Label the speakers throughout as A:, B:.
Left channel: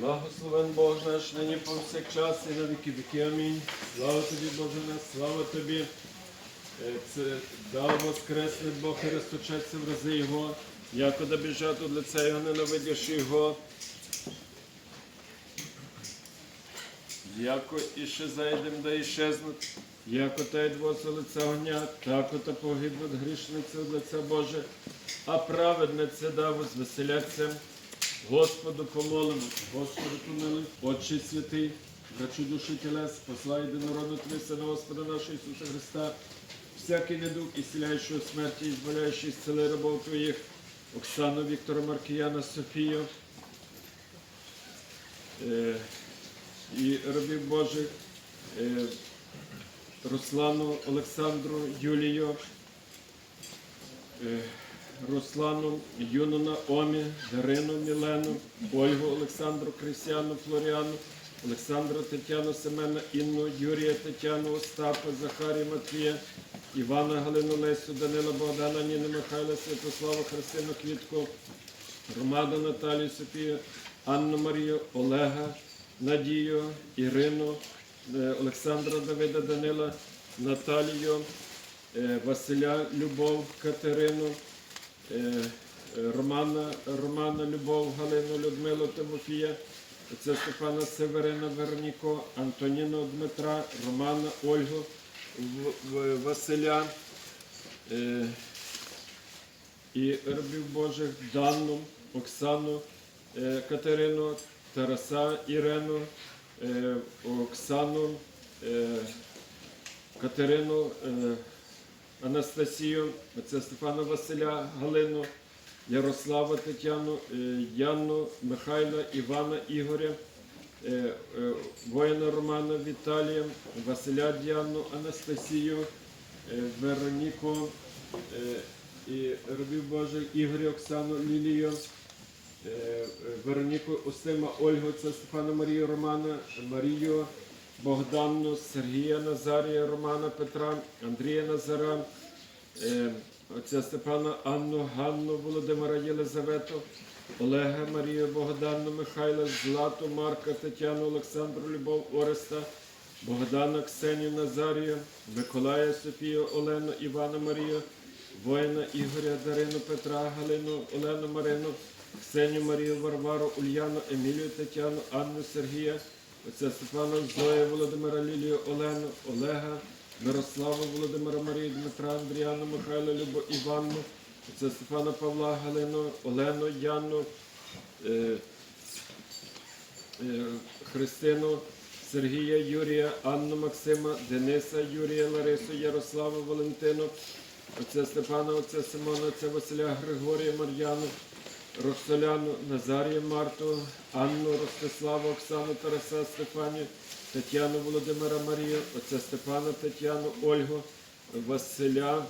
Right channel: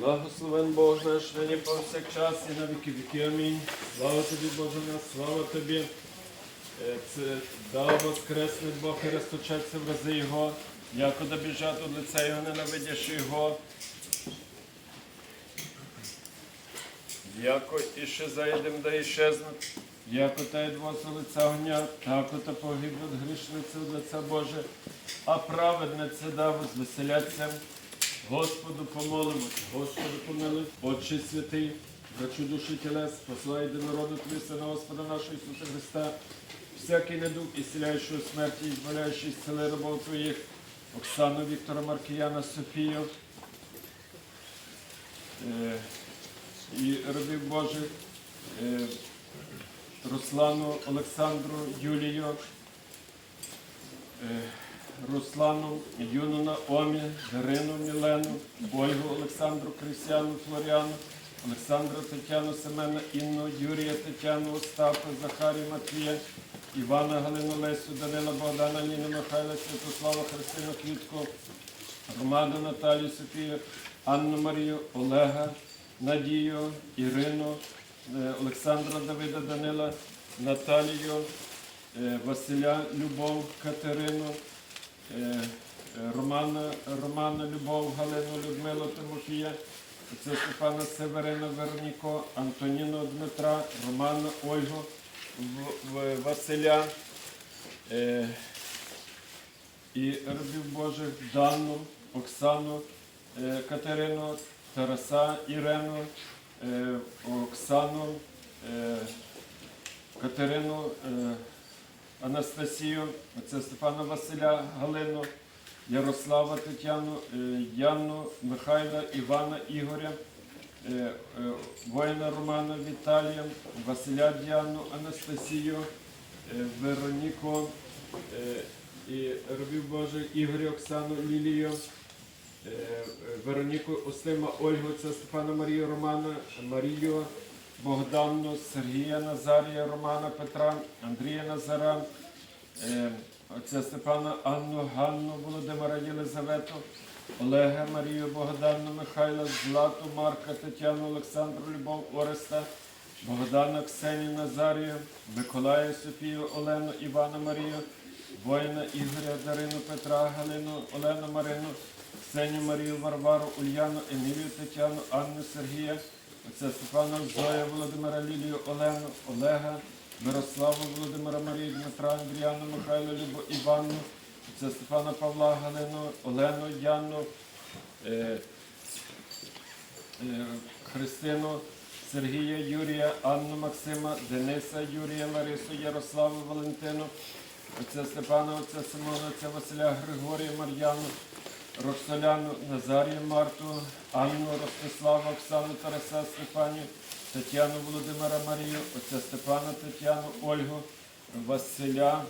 A: Благословен Бог наш нині повсякчас і на віки віки. Амінь. Слава тобі, Боже наш, слава тобі. Це дав воскресний Бог і розточаться в рази Його, якода біжать від лиця Його, ненавидячи Його. Яко іще зайдем, да іщезнуть, яко та й двози лиця огня, тако та погибнуть грішниці від лиця Боже, а праведнице да возвеселяться. Господу помолимось, Господу помилуй, Отче святий, врачу душі тілес, посла єдинороду Твій Сина Господа нашого Ісуса Христа, всякий недуг, ісціляючий у смерті, і збавляючий зцели рабов Твоїх, Оксану Віктора Маркіяна, Софію, е, і рабів Божих, е, Руслану, Олександру, Юлію, е, Руслану, Юну Наомі, Дарину, Мілену, Ольгу, Олександру, Крисяну, Флоріану, Олександру, Тетяну, Семена, Інну, Юрія, Тетяну, Остапа, Захарію, Матвія, Івана, Галину, Лесю, Данила, Богдана, Ніну, Михайла, Святослава, Христину, Квітку, Роману, Наталію, Софію, Анну Марію, Олега, Надію, Ірину, е, Олександра Давида Данила, Наталію, е, Василя Любов, Катерину, Романа, Романа Любов, Галину, Людмилу, Тимофія, це Степана Северина, Верніко, Антоніну Дмитра, Романа, Ольгу, Василя. е, і рабів Божих Данну, Оксану, е, Катерину, Тараса Ірену, е, Оксану, е, Катерину, е, Анастасію, це Стефана Василя Галину, Ярослава Тетяну, е, Яну, Михайла, Івана Ігоря, е, е, воїна Романа Віталія, Василя Діану, Анастасію, Вероніку і рабів Божих Ігоря Оксану Лілію. Вероніку Остима Ольгу, це Стефана Марію Романа, Марію Богданну, Сергія Назарія, Романа Петра, Андрія Назара, отця Степана Анну, Ганну, Володимира Єлизавету, Олега Марію Богданну, Михайла, Злату, Марка, Тетяну, Олександру, Любов, Ореста, Богдана, Ксенію, Назарію, Миколая, Софію, Олену, Івана Марію, воїна Ігоря, Дарину, Петра, Галину, Олену, Марину, Ксенію Марію, Варвару, Ульяну, Емілію, Тетяну, Анну, Сергія, отця Степана, Зоя, Володимира, Лілію, Олену, Олега, Мирославу, Володимира, Марію, Дмитра, Андріану, Михайла, Любу, Іванну, отця Степана Павла, Галину, Олену, Яну, е, е, Христину, Сергія, Юрія, Анну, Максима, Дениса, Юрія, Ларису, Ярославу, Валентину, отця Степана, отця Симона, отця Василя, Григорія, Мар'яну, Роксоляну, Назарію, Марту, Анну, Ростиславу, Оксану, Тараса, Стефанію, Тетяну, Володимира, Марію, отця Степана, Тетяну, Ольгу, Василя,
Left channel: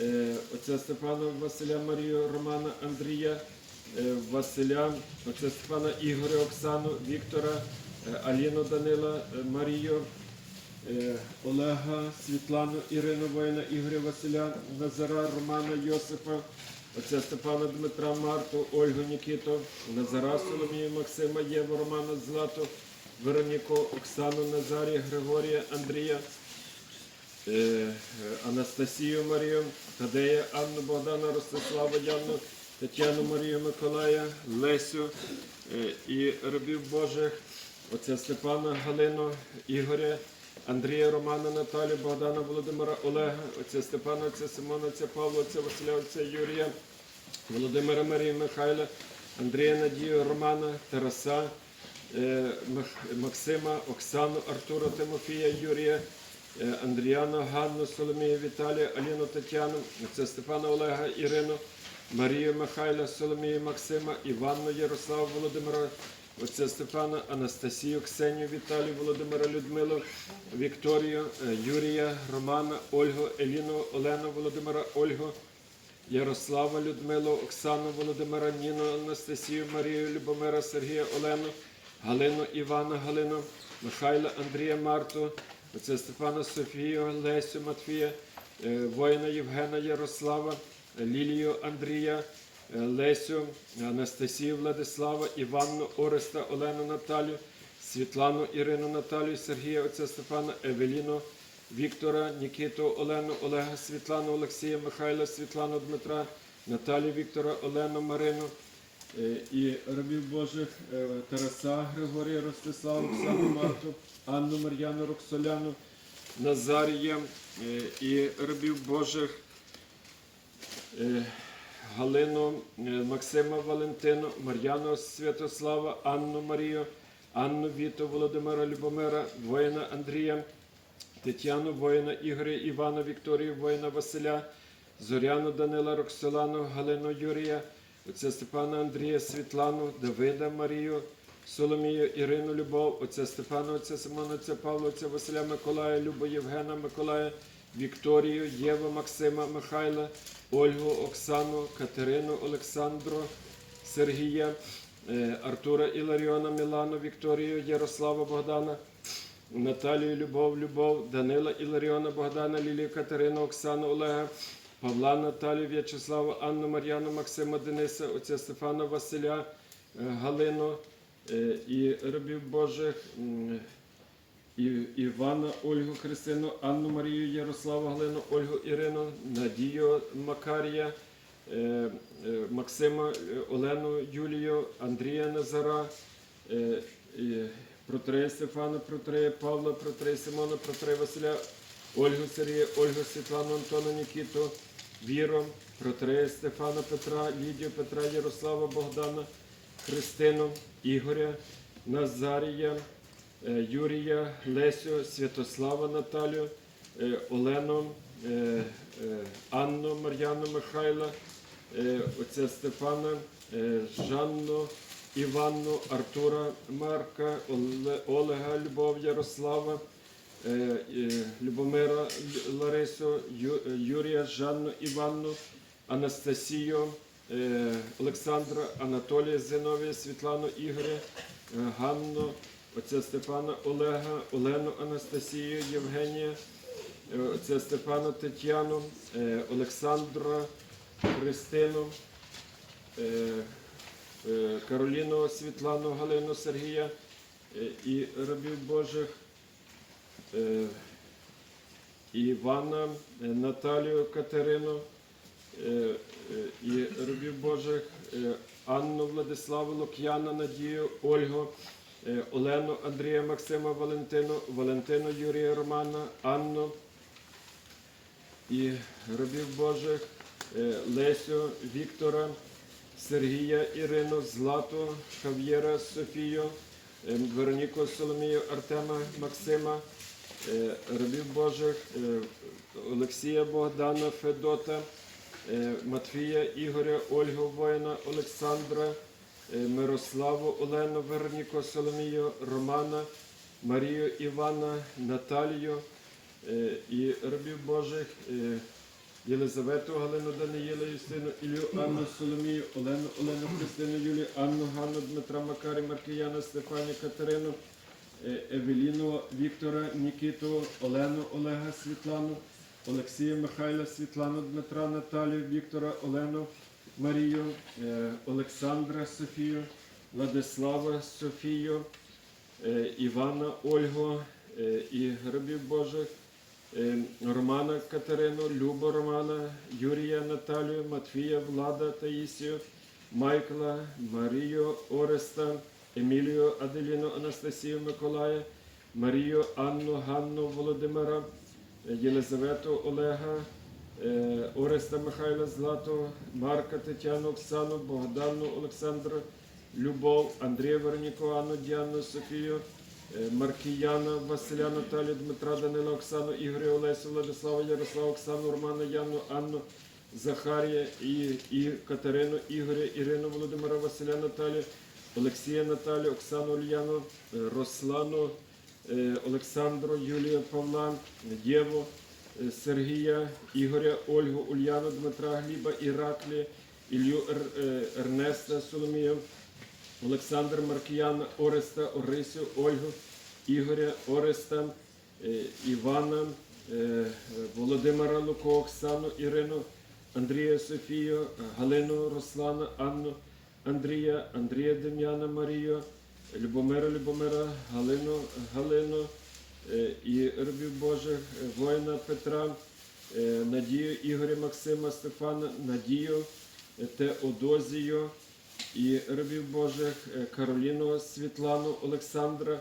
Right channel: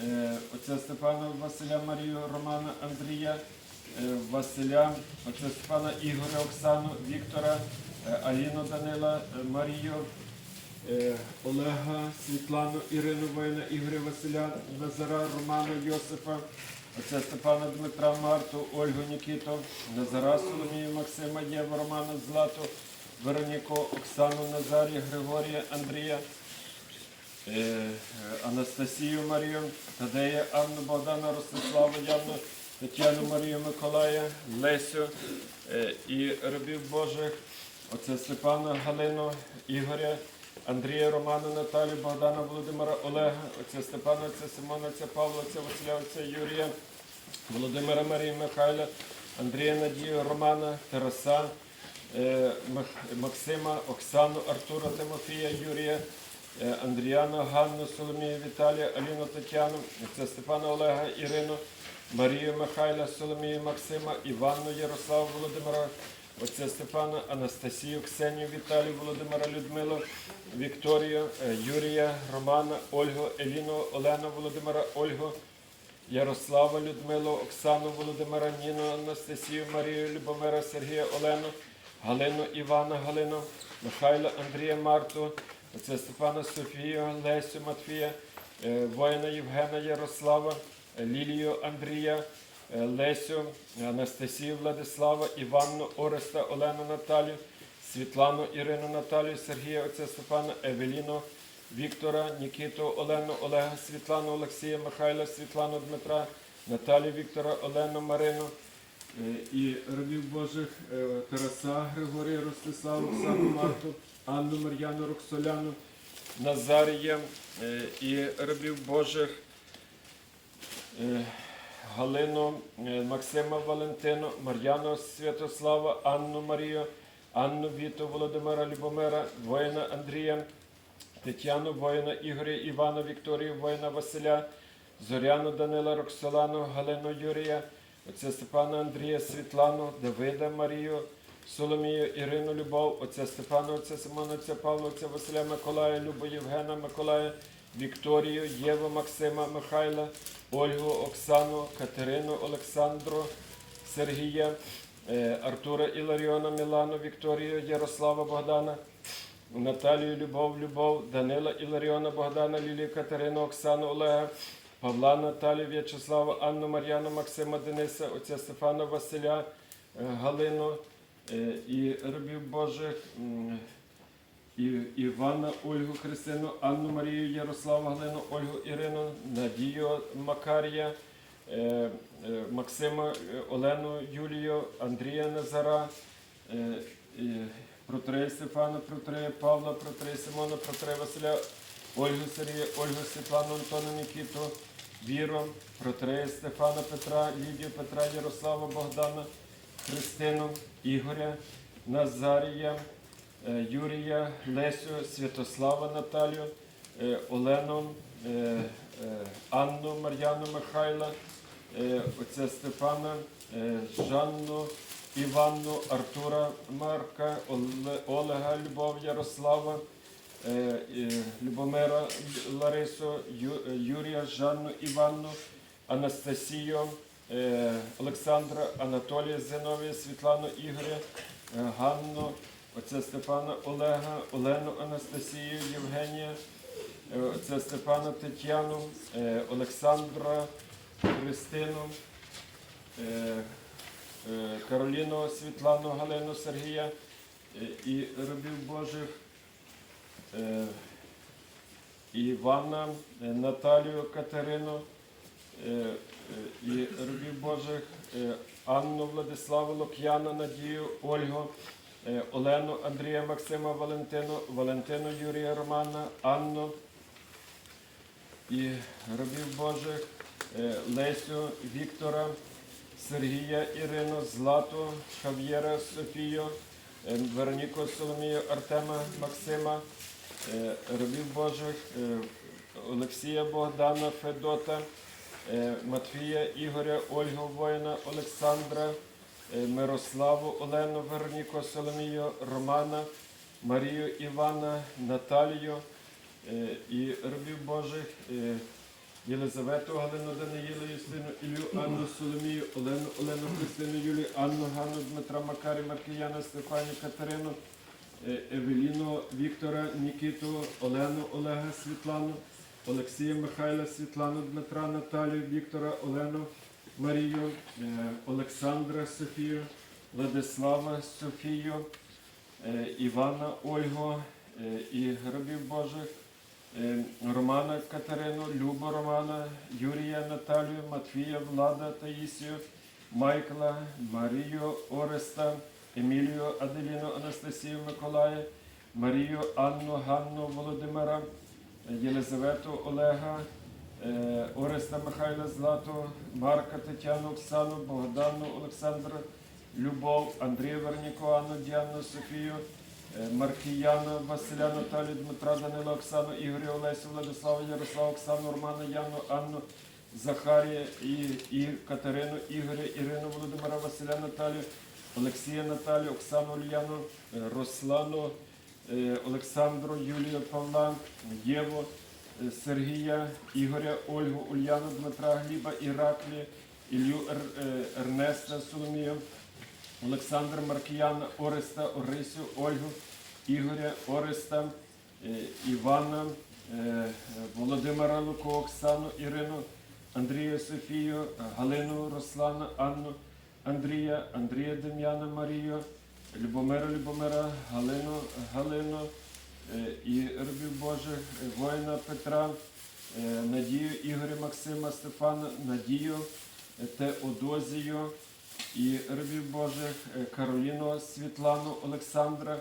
A: е, отця Степана, Василя, Марію, Романа, Андрія, е, Василя, отця Степана, Ігоря, Оксану, Віктора, е, Аліну, Данила, Марію, Олега, Світлану, Ірину Воїна, Ігоря Василя, Назара, Романа, Йосифа, отця Степана Дмитра, Марту, Ольгу Нікіту, Назара, Соломію, Максима, Єву, Романа, Злату, Вероніку, Оксану, Назарія, Григорія, Андрія, Анастасію Марію, Тадея, Анну, Богдана, Ростислава, Яну, Тетяну Марію, Миколая, Лесю е, і рабів Божих, отця Степана, Галину, Ігоря, Андрія, Романа, Наталію, Богдана, Володимира, Олега, отця Степана, отця Симона, отця Павла, отця Василя, отця Юрія, Володимира Марії, Михайла, Андрія Надію, Романа, Тараса, е, Максима, Оксану, Артура, Тимофія, Юрія, е, Андріана, Ганну, Соломію, Віталія, Аліну, Тетяну, це Степана Олега, Ірину, Марію Михайла, Соломію, Максима, Іванну, Ярославу, Володимира, отця Степана, Анастасію, Ксенію, Віталію, Володимира, Людмилу, Вікторію, е, Юрія, Романа, Ольгу, Еліну, Олену, Володимира, Ольгу, Ярослава, Людмилу, Оксану, Володимира, Ніну, Анастасію, Марію, Любомира, Сергія, Олену, Галину, Івана, Галину, Михайла, Андрія, Марту, отця Степана, Софію, Лесю, Матвія, е, воїна Євгена, Ярослава, Лілію, Андрія, е, Лесю, Анастасію Владислава, Іванну, Ореста, Олену Наталію, Світлану Ірину Наталію, Сергія Отця Стефана, Евеліну, Віктора, Нікіту, Олену, Олега, Світлану, Олексія, Михайла, Світлану, Дмитра, Наталію, Віктора, Олену, Марину. Е, І рабів Божих Тараса, Григорія, Ростиславу, Оксану, Марту, Анну, Мар'яну, Роксоляну, Назарія е, і рабів Божих е, Галину, е, Максима Валентину, Мар'яну Святослава, Анну Марію, Анну Віту, Володимира Любомира, воїна Андрія, Тетяну, воїна Ігоря, Івана, Вікторію, воїна Василя, Зоряну Данила, Роксолану, Галину Юрія, отця Степана Андрія, Світлану, Давида Марію, Соломію, Ірину Любов, отця Степана, отця Симона, отця Павла, отця Василя Миколая, Любу Євгена Миколая, Вікторію, Єву, Максима, Михайла, Ольгу, Оксану, Катерину, Олександру, Сергія, е, Артура Іларіона, Мілану, Вікторію, Ярослава Богдана, Наталію, Любов, Любов, Данила Іларіона, Богдана, Лілію, Катерину, Оксану, Олега, Павла, Наталію, В'ячеслава, Анну, Мар'яну, Максима, Дениса, отця Стефана, Василя, е, Галину і рабів Божих. Івана, Ольгу, Христину, Анну Марію, Ярославу, Галину, Ольгу, Ірину, Надію, Макарія, е, е, Максима, е, Олену, Юлію, Андрія Назара, е, Протрея Стефана, Протрея Павла, Протрея Симона, Протрея Василя, Ольгу Сергія, Ольгу Світлану, Антона Нікіту, Віру, Протрея Стефана Петра, Лідію Петра, Ярослава, Богдана, Христину, Ігоря, Назарія, е, Юрія, Лесю, Святослава Наталію, е, Олену, е, Анну, Мар'яну Михайла, отця Степана, Жанну, Іванну, Артура Марка, Олега, Любов, Ярослава, Любомира Ларису, Юрія, Жанну, Іванну, Анастасію, Олександра, Анатолія, Зиновія, Світлану, Ігоря, е, Ганну, отця Степана, Олега, Олену, Анастасію, Євгенія, е, отця Степана, Тетяну, е, Олександра, Христину, е, е, Кароліну, Світлану, Галину, Сергія е, і рабів Божих. е, Івана, е, Наталію Катерину е, е, і рабів Божих, е, Анну Владиславу Лук'яна, Надію, Ольгу, е, Олену, Андрія, Максима, Валентину, Валентину, Юрія, Романа, Анну. І рабів Божих, е, Лесю, Віктора, Сергія, Ірину, Злату, Хав'єра, Софію, е, Вероніку, Соломію, Артема, Максима, е, рабів Божих, е, Олексія Богдана, Федота, е, Матвія, Ігоря, Ольгу, воїна, Олександра, е, Мирославу, Олену, Вероніку, Соломію, Романа, Марію, Івана, Наталію е, і рабів Божих. е, Єлизавету, Галину, Даниїла, Юстину, Ілю, Анну, Соломію, Олену, Олену, Христину, Юлію, Анну, Ганну, Дмитра, Макарі, Маркіяна, Стефані, Катерину, е, Евеліну, Віктора, Нікіту, Олену, Олега, Світлану, Олексія, Михайла, Світлану, Дмитра, Наталію, Віктора, Олену, Марію, е, Олександра, Софію, Владислава, Софію, е, Івана, Ольгу е, і рабів Божих. Романа Катерину, Любу Романа, Юрія Наталію, Матвія, Влада Таїсію, Майкла, Марію Ореста, Емілію Аделіну, Анастасію Миколая, Марію Анну, Ганну Володимира, Єлизавету Олега, е, Ореста Михайла Злату, Марка Тетяну, Оксану, Богдану Олександра, Любов, Андрія Вероніку, Анну, Діану, Софію, Е, Маркіяна, Василя, Наталію, Дмитра, Данила, Оксану, Ігоря, Олесю, Владислава, Ярослава, Оксану, Романа, Яну, Анну, Захарія і, і Катерину, Ігоря, Ірину, Володимира, Василя, Наталію, Олексія, Наталію, Оксану, Ульяну, е, Руслану, Олександру, Юлію, Павла, Єву, е, Сергія, Ігоря, Ольгу, Ульяну, Дмитра, Гліба, Іраклі, Ілью е, Ернеста, Соломію, Олександр Маркіяна, Ореста, Орисю, Ольгу, Ігоря, Ореста, е, Івана, е, Володимира Луко, Оксану, Ірину, Андрія Софію, Галину Руслана, Анну, Андрія, Андрія Дем'яна Марію, Любомира Любомира, Галину Галину е, і робів Божих, е, воїна Петра, е, Надію Ігоря Максима Стефана, Надію Теодозію і робів Божих, Кароліну Світлану Олександра,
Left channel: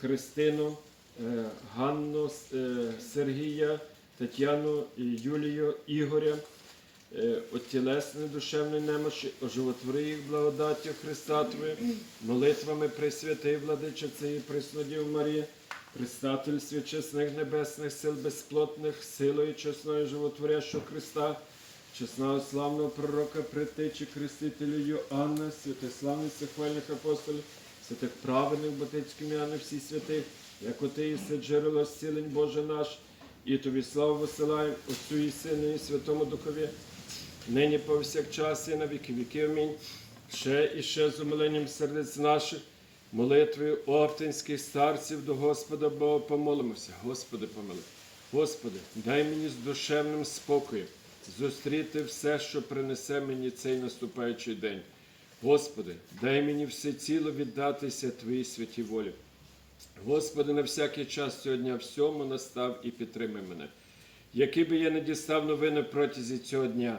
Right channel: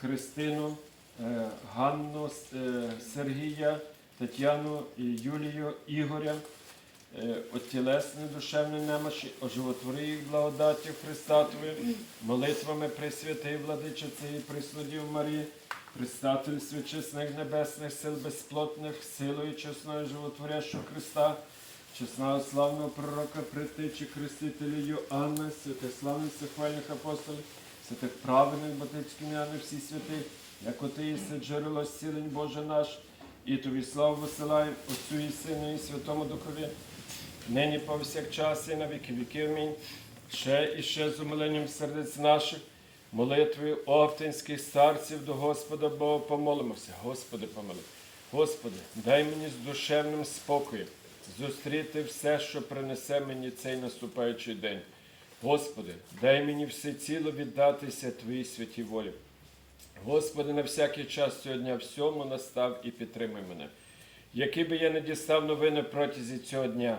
A: Христину, Ганну Сергія, Тетяну Юлію Ігоря, от тілесної душевної немощі, оживотвори їх благодаттю Христа Твої, молитвами Пресвятий Владичиці і Преснодів Марії, Предстатель свячесних небесних сил безплотних, силою чесною животворящого Христа, чесного славного пророка, притичі Хрестителю Йоанна, святих славних хвальних апостолів, святих праведних батицьких ім'яни всі святи, як оти єси джерело зцілень Боже наш, і тобі славу висилаємо Отцю і Сину і Святому Духові, нині повсякчас і на віки віки. Амінь. Ще і ще з умиленням сердець наших, молитвою оптинських старців до Господа Бога помолимося. Господи, помили. Господи, дай мені з душевним спокоєм зустріти все, що принесе мені цей наступаючий день. Господи, дай мені всеціло віддатися Твоїй святій волі. Господи, на всякий час цього дня всьому настав і підтримай мене. Який би я не дістав новини протязі цього дня,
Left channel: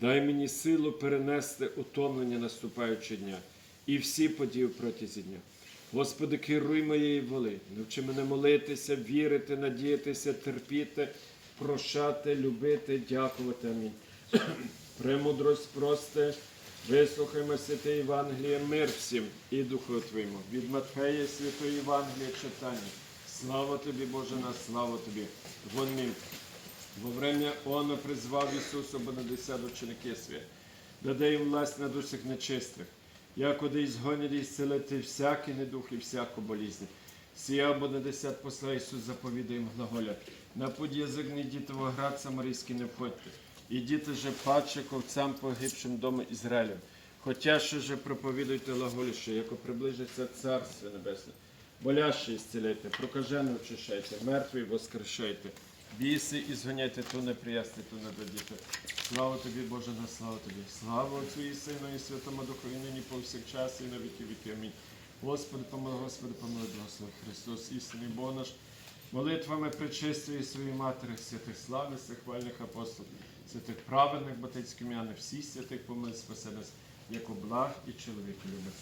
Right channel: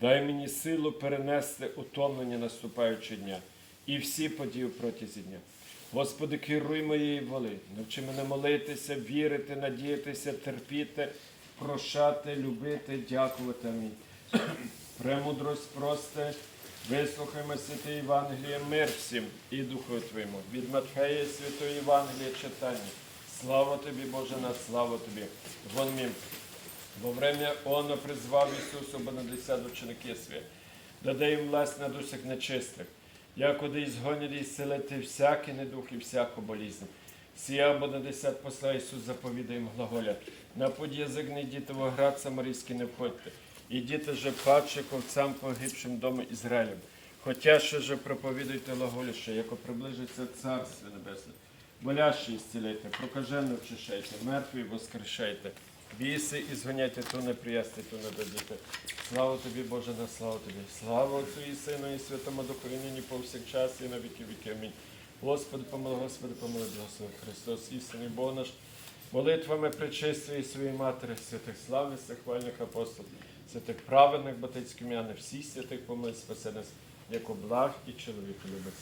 A: дай мені силу перенести утомлення наступаючого дня і всі події протязі дня. Господи, керуй моєї воли, навчи мене молитися, вірити, надіятися, терпіти, прощати, любити, дякувати. Амінь. Премудрость просте, вислухаймо святе Євангеліє, мир всім і Духу Твоєму. Від Матфея Святої Євангелія читання. Слава тобі, Боже наш, слава тобі. Вон мім. Во время оно призвав Ісусу Бонадесят ученики свої, їм власть над усіх нечистих, якоди ізгонять і зцілити всякий недух і всяку болізнь. Сія Бонадесят посла Ісус заповідає їм глаголя. На язик не йдіть, град самарійський не входьте. Ідіть же паче ковцям погибшим дому Ізраїлем. Хотя ще же проповідуйте глаголіше, яко приближиться Царство Небесне. Болящі зціляйте, прокажену очищайте, мертві воскрешайте. Біси і зганяйте, то не приясти, то не дадіте. Слава тобі, Боже, на славу тобі. Слава Отцю і Сину, і Святому Духові, нині повсякчас, і на віки віки. Амінь. Господи, помилуй, Господи, помилуй, благослови Христос, істинний Бог наш, молитвами причистої своєї Матері, святих славних, хвальних апостолів, святих праведних батьків м'яни, всіх святих помилуй, спаси нас, як благ і чоловік. Амінь.